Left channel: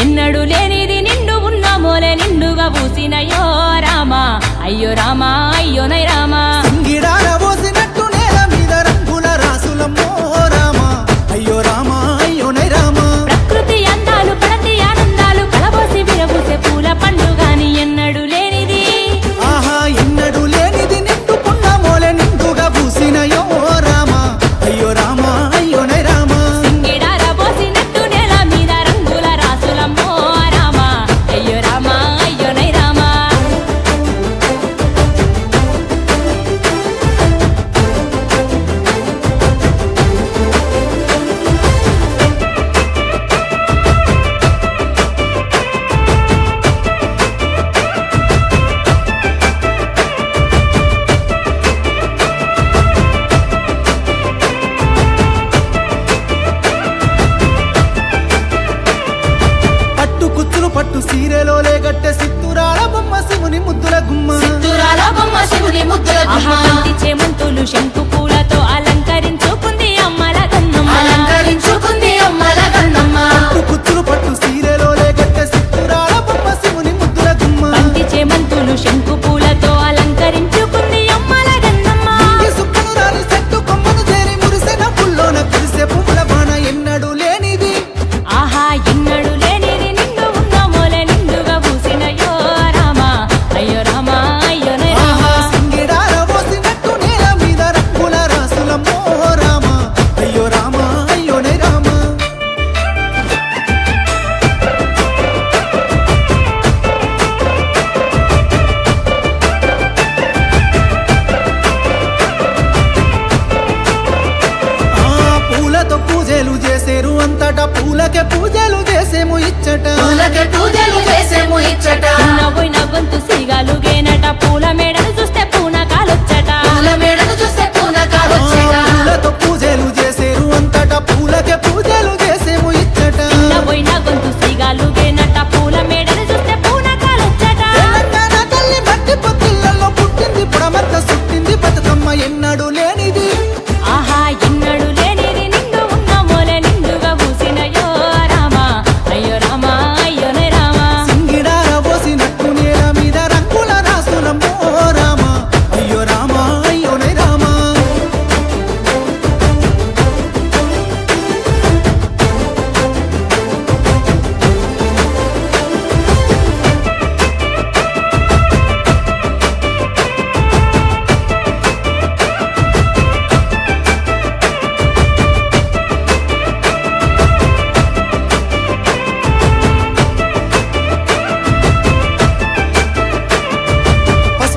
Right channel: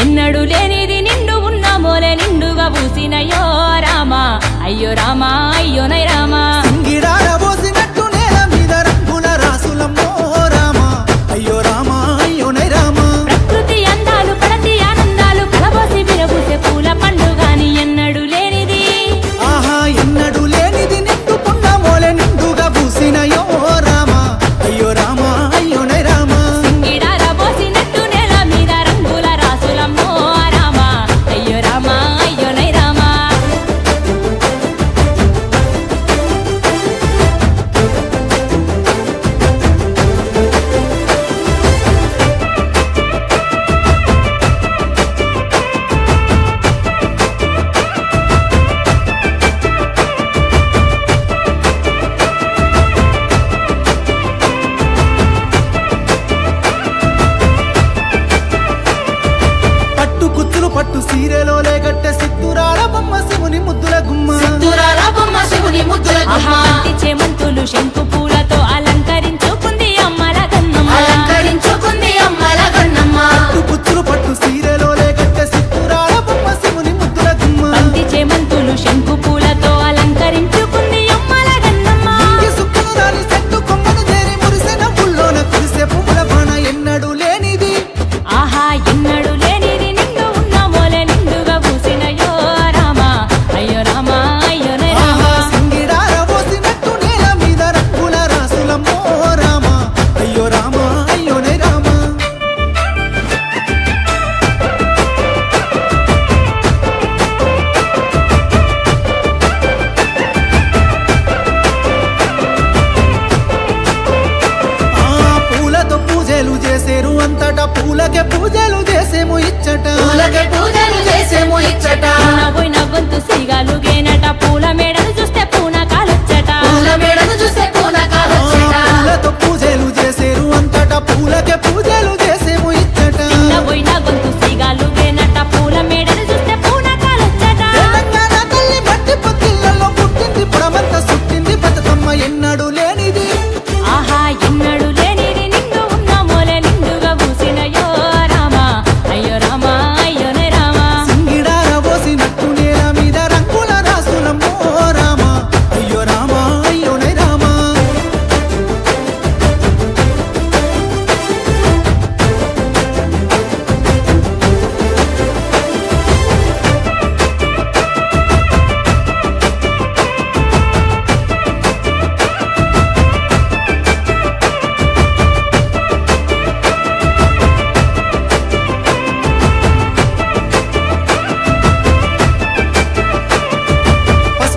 ఎన్నడు లేనిది నిండు ఉన్న మోలే నిండుగా పూసినయో రామా అయ్యో రామా అయ్యోనై రామా సింగిడార పోసినట్టు నేల మీద రంగుల రాసులమ్మో రామా అయ్యో రామా అయ్యోనై రామా ప్రకృతి అందాలు పడతి ఆనందాలు కలబోసి విరబూసే పూల పండుగాని ఎన్నడు లేనిది ఆహా ఎన్నడు లేనిది నిండు పున్న మోలే నిండుగా పూసినయో రామా అయ్యో రామా అయ్యోనై రామా సింగిడార పోసినట్టు నేల మీద రంగుల రాసులమ్మో రామా అయ్యో రామా అయ్యోనై రామా పట్టు కుచ్చులు పట్టు సీరెలోలే గట్టె సిత్తురాల బొమ్మ శివుని ముద్దుల గుమ్మ ఆహా బంతి చేమంతులు శంకు పూలతో అలంకరించుకుంది అమ్మల గన్నమ్మ పట్టు కుచ్చులు పట్టు సీరెలోలే గట్టె సిత్తురాల బొమ్మ శివుని ముద్దుల గుమ్మ బంతి చేమంతులు శంకు పూలతో అలంకరించుకుంది అమ్మల గన్నమ్మ ఈ సుక్కలు రాని చెట్టు కొమ్మను చేరి మురిసెన పుల్లోన కురిసే పువ్వుల బాణ ఎన్నడు లేనిది ఆహా ఎన్నడు లేనిది నిండు ఉన్న మోలే నిండుగా పూసినయో రామా అయ్యో రామా అయ్యోనే ఆహా రామా సింగిడార పోసినట్టు నేల మీద రంగుల రాసులమ్మో రామా అయ్యో రామా అయ్యోనై రామా ఆ పూలతో పూజలు చేసేరు అంతటా పూలకే పూజలు చేసేము ఇచ్చట చిన్న పోయిన గొంతు సిగాలుగేనట పూల మేడలు చూస్తే పూనకాలొచ్చట ఆ పూలతో పూజలు చేసేరు అంతటా పూలకే పూజలు చేసేము ఇచ్చట చిన్న పోయిన గొంతు సిగాలుగేనట పూల మేడలు చూస్తే పూనకాలొచ్చట తెలంగాణ తల్లి మట్టి పొత్తిళ్లలో పుట్టింది పుడమంతా సుట్టింది బతుకమ్మ ఎన్నడు లేనిది